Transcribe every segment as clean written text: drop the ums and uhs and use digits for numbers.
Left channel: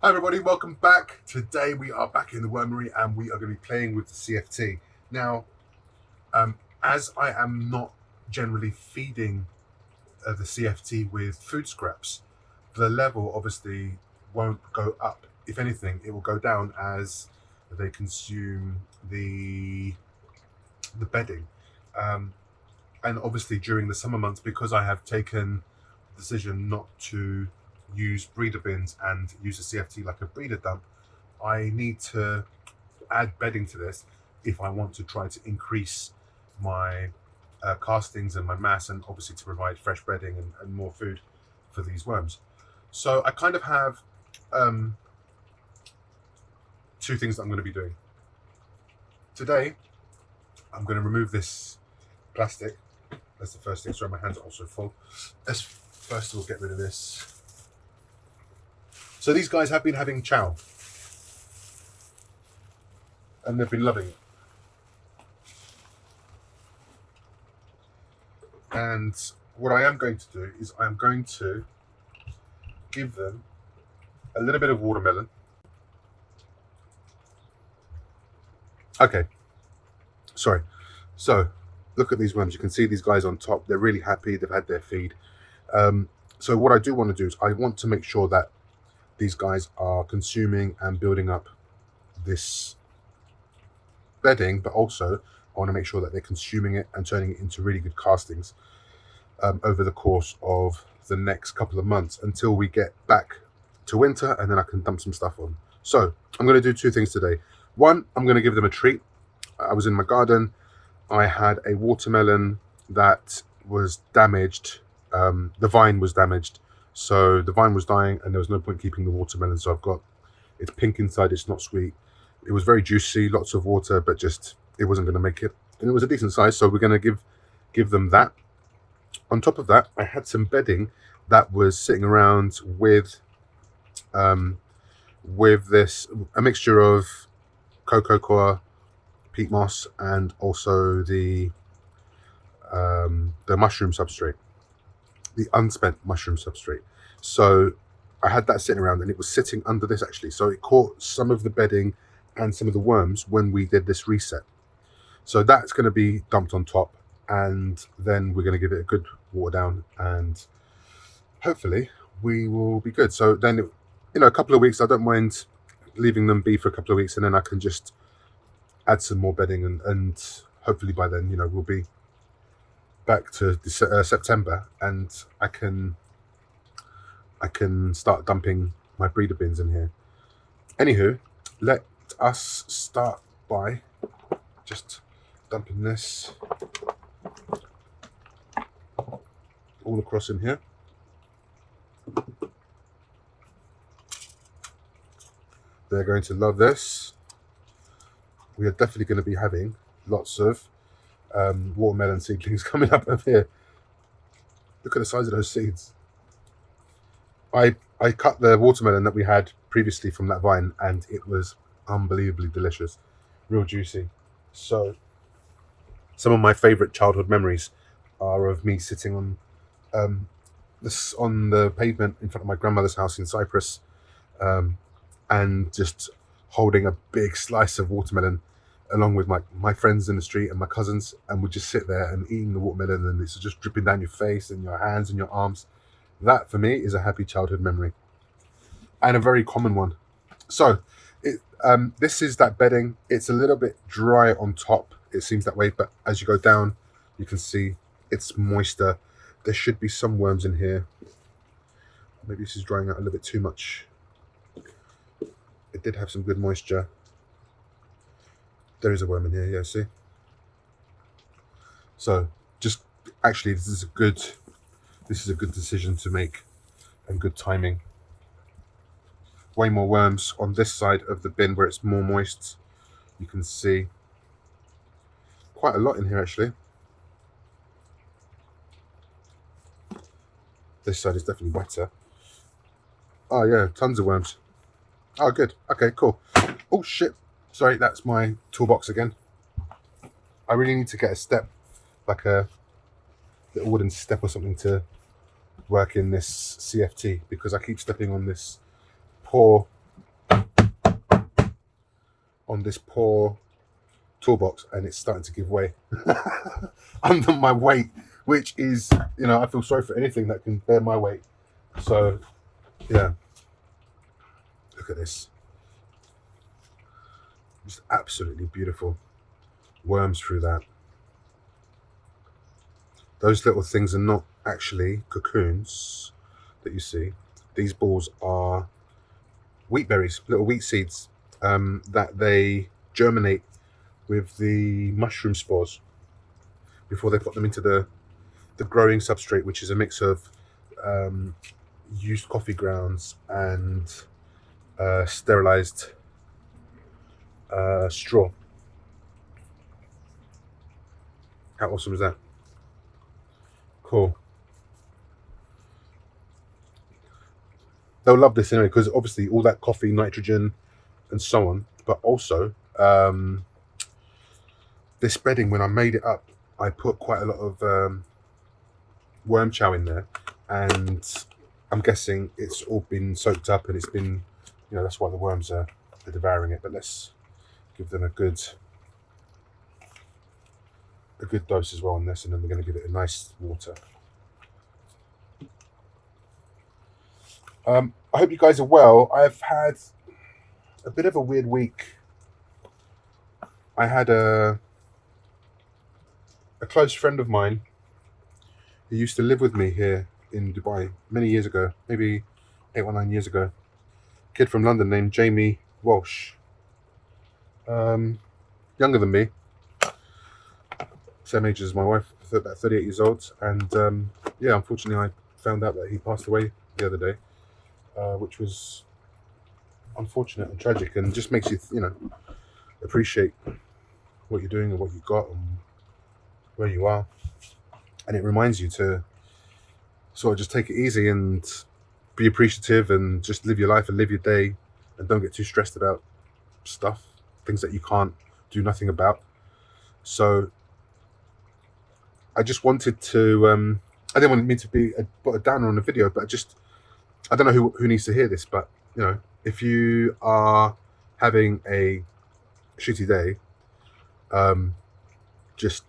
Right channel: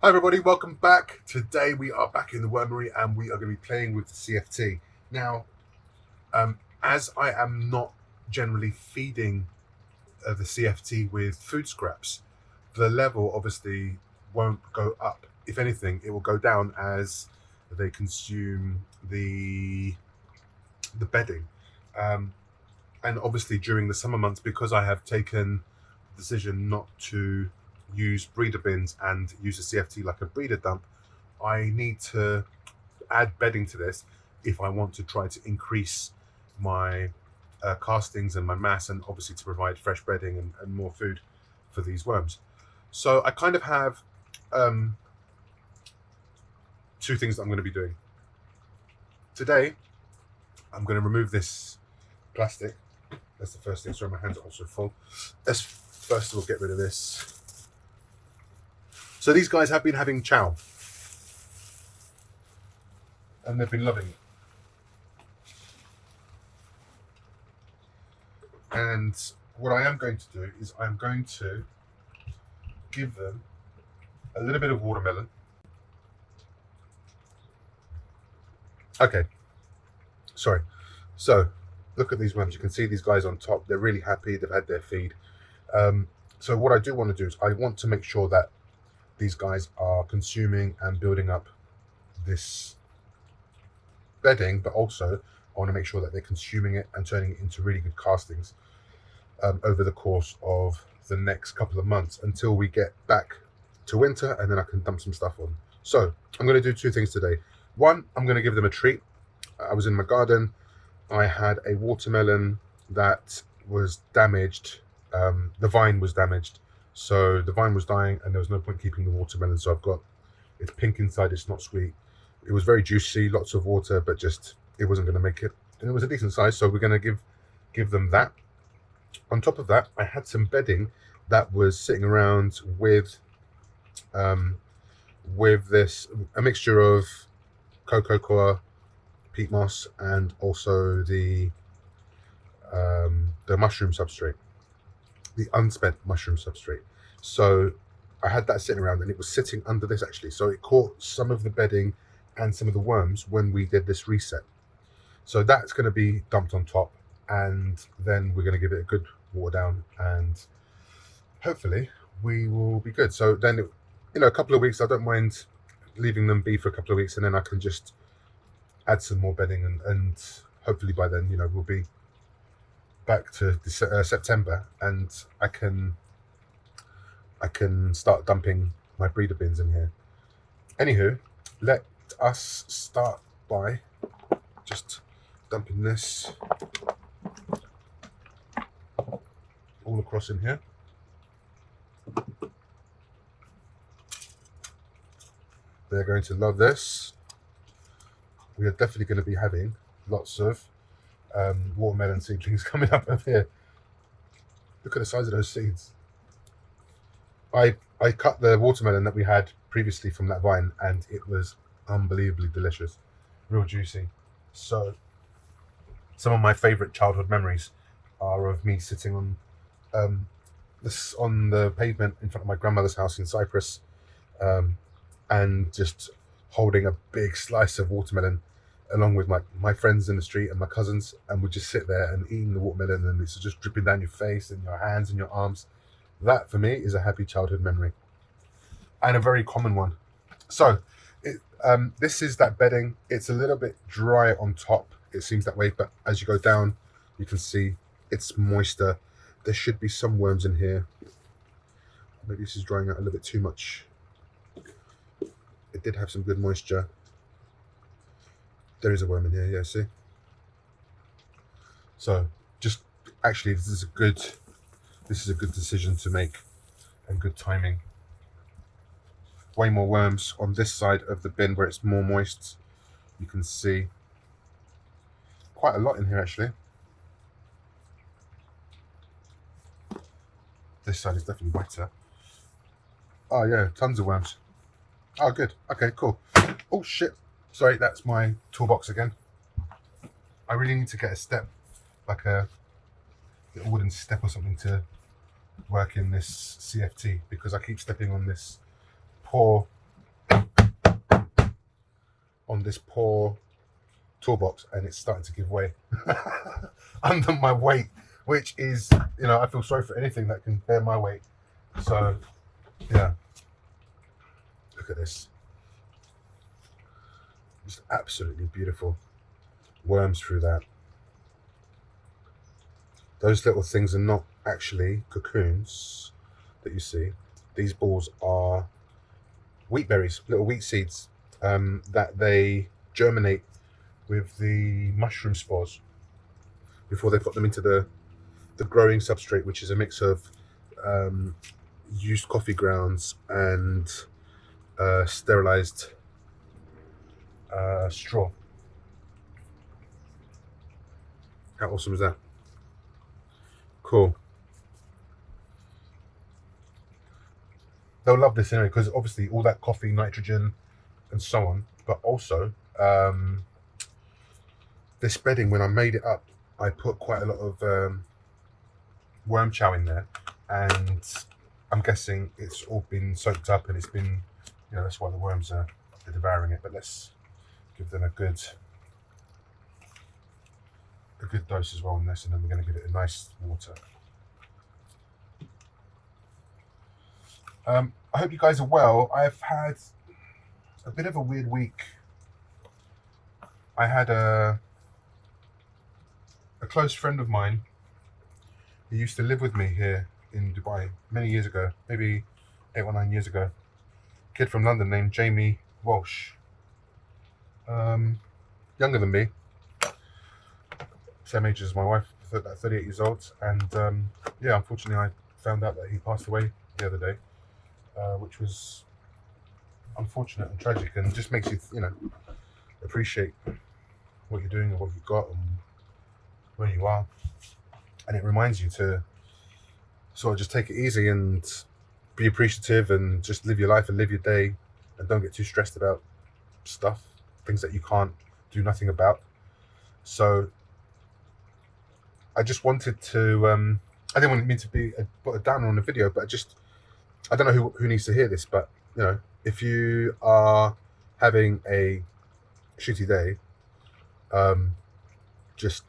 Hi everybody, welcome back. Today we are back in the wormery and we are going to be playing with the CFT. Now, as I am not generally feeding the CFT with food scraps, the level obviously won't go up. If anything, it will go down as they consume the bedding. Um, and obviously during the summer months, because I have taken the decision not to use breeder bins and use the CFT like a breeder dump, I need to add bedding to this if I want to try to increase my castings and my mass, and obviously to provide fresh bedding and more food for these worms. So I kind of have um, two things that I'm going to be doing. Today, I'm going to remove this plastic. That's the first thing. Sorry, my hands are also full. Let's first of all get rid of this. So these guys have been having chow, and they've been loving it. And what I am going to do is I'm going to give them a little bit of watermelon. Okay, sorry. So look at these worms. You can see these guys on top. They're really happy. They've had their feed. So what I do want to do is I want to make sure that these guys are consuming and building up this bedding, but also I want to make sure that they're consuming it and turning it into really good castings over the course of the next couple of months until we get back to winter, and then I can dump some stuff on. So I'm going to do two things today. One, I'm going to give them a treat. I was in my garden. I had a watermelon that was damaged. The vine was damaged. So the vine was dying and there was no point keeping the watermelon. So I've got, it's pink inside, it's not sweet. It was very juicy, lots of water, but just, it wasn't going to make it. And it was a decent size. So we're going to give them that. On top of that, I had some bedding that was sitting around um, with this, a mixture of cocoa coir, peat moss, and also the mushroom substrate, the unspent mushroom substrate. So I had that sitting around, and it was sitting under this actually. So it caught some of the bedding and some of the worms when we did this reset. So that's going to be dumped on top, and then we're going to give it a good water down, and hopefully we will be good. So then, a couple of weeks, I don't mind leaving them be for a couple of weeks, and then I can just add some more bedding, and hopefully by then, we'll be back to September, and I can start dumping my breeder bins in here. Anywho, let us start by just dumping this all across in here. They're going to love this. We are definitely going to be having lots of watermelon seedlings coming up over here. Look at the size of those seeds. I cut the watermelon that we had previously from that vine, and it was unbelievably delicious, real juicy. So some of my favorite childhood memories are of me sitting on the pavement in front of my grandmother's house in Cyprus, um, and just holding a big slice of watermelon along with my friends in the street and my cousins, and we'd just sit there and eating the watermelon, and it's just dripping down your face and your hands and your arms. That for me is a happy childhood memory, and a very common one. So this is that bedding. It's a little bit dry on top. It seems that way, but as you go down, you can see it's moister. There should be some worms in here. Maybe this is drying out a little bit too much. It did have some good moisture. There is a worm in here, yeah, see? So just actually this is a good decision to make, and good timing. Way more worms on this side of the bin where it's more moist. You can see quite a lot in here actually. This side is definitely wetter. Oh yeah, tons of worms. Oh good. Okay, cool. Oh shit. Sorry, that's my toolbox again. I really need to get a step, like a little wooden step or something to work in this CFT, because I keep stepping on this poor on this poor toolbox, and it's starting to give way under my weight, which is, I feel sorry for anything that can bear my weight. So, yeah, look at this. It's absolutely beautiful. Worms through that. Those little things are not actually cocoons that you see. These balls are wheat berries, little wheat seeds that they germinate with the mushroom spores before they put them into the growing substrate, which is a mix of used coffee grounds and sterilized straw. How awesome is that? Cool. They'll love this anyway, because obviously all that coffee, nitrogen, and so on. But also, this bedding, when I made it up, I put quite a lot of worm chow in there, and I'm guessing it's all been soaked up, and it's been, that's why the worms are devouring it. But let's give them a good dose as well on this, and then we're going to give it a nice water. I hope you guys are well. I've had a bit of a weird week. I had a close friend of mine who used to live with me here in Dubai many years ago, maybe 8 or 9 years ago. Kid from London named Jamie Walsh. Younger than me, same age as my wife, about 38 years old. And yeah, unfortunately, I found out that he passed away the other day, which was unfortunate and tragic, and just makes you, appreciate what you're doing and what you've got and where you are. And it reminds you to sort of just take it easy and be appreciative and just live your life and live your day, and don't get too stressed about stuff, things that you can't do nothing about. So I just wanted to, I didn't want me to be a downer on the video, but I don't know who needs to hear this, but, if you are having a shitty day, just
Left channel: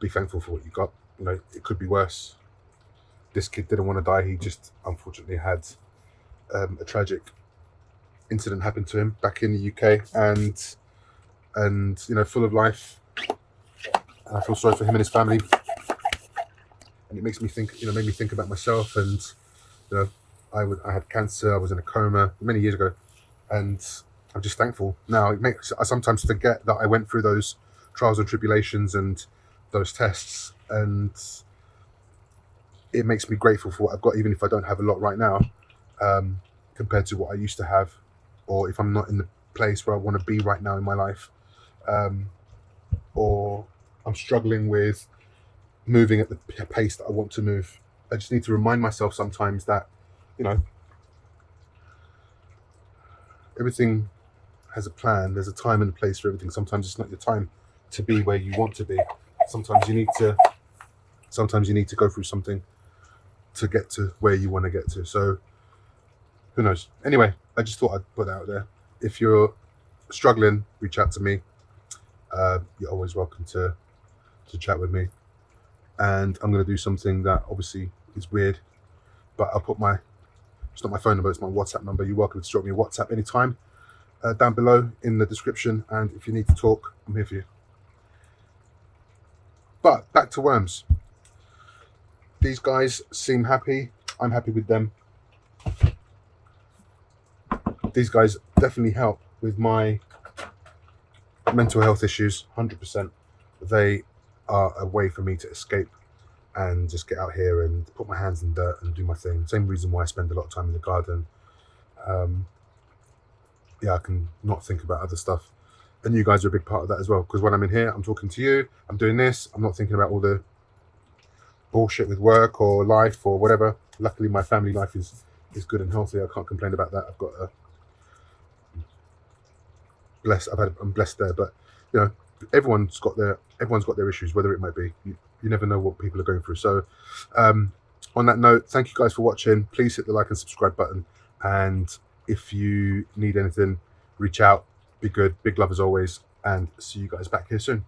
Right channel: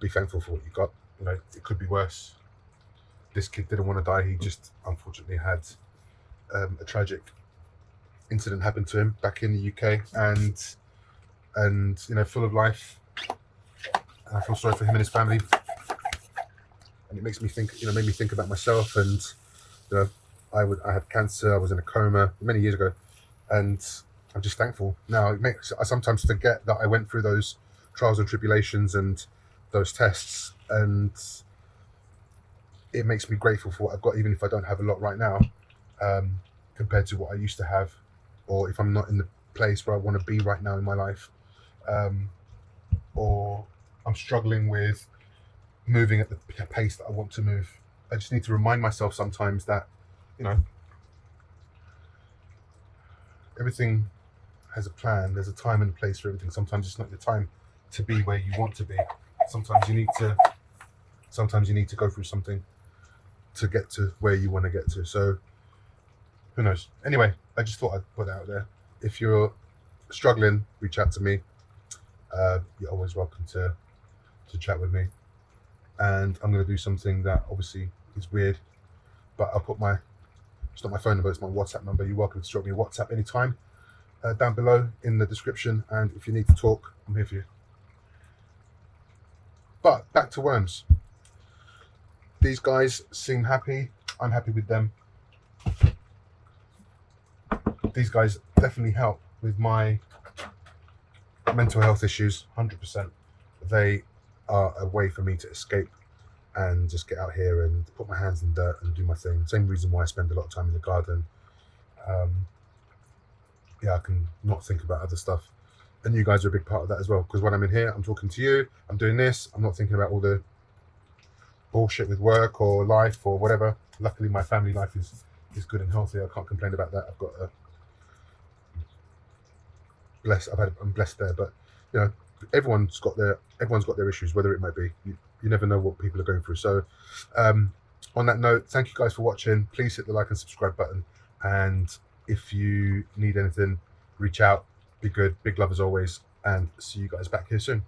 be thankful for what you got. It could be worse. This kid didn't want to die. He just unfortunately had a tragic incident happen to him back in the UK, and full of life. And I feel sorry for him and his family. And it makes me think, made me think about myself. And I had cancer. I was in a coma many years ago, and I'm just thankful now. I sometimes forget that I went through those trials and tribulations and those tests, and it makes me grateful for what I've got, even if I don't have a lot right now, compared to what I used to have, or if I'm not in the place where I want to be right now in my life, or I'm struggling with moving at the pace that I want to move. I just need to remind myself sometimes that, everything has a plan. There's a time and a place for everything. Sometimes it's not your time to be where you want to be. Sometimes you need to go through something to get to where you want to get to. So who knows? Anyway, I just thought I'd put that out there. If you're struggling, reach out to me. You're always welcome to chat with me. And I'm going to do something that obviously is weird, but I'll put it's not my phone number, it's my WhatsApp number. You're welcome to drop me a WhatsApp anytime down below in the description. And if you need to talk, I'm here for you. But back to worms. These guys seem happy. I'm happy with them. These guys definitely help with my mental health issues, 100%. They are a way for me to escape and just get out here and put my hands in dirt and do my thing. Same reason why I spend a lot of time in the garden. I can not think about other stuff. And you guys are a big part of that as well, because when I'm in here, I'm talking to you, I'm doing this, I'm not thinking about all the bullshit with work or life or whatever. Luckily, my family life is good and healthy. I can't complain about that. I've got I'm blessed there, but everyone's got their issues, whatever it might be. You never know what people are going through. So on that note, thank you guys for watching. Please hit the like and subscribe button, and if you need anything, reach out. Be good. Big love as always. And see you guys back here soon.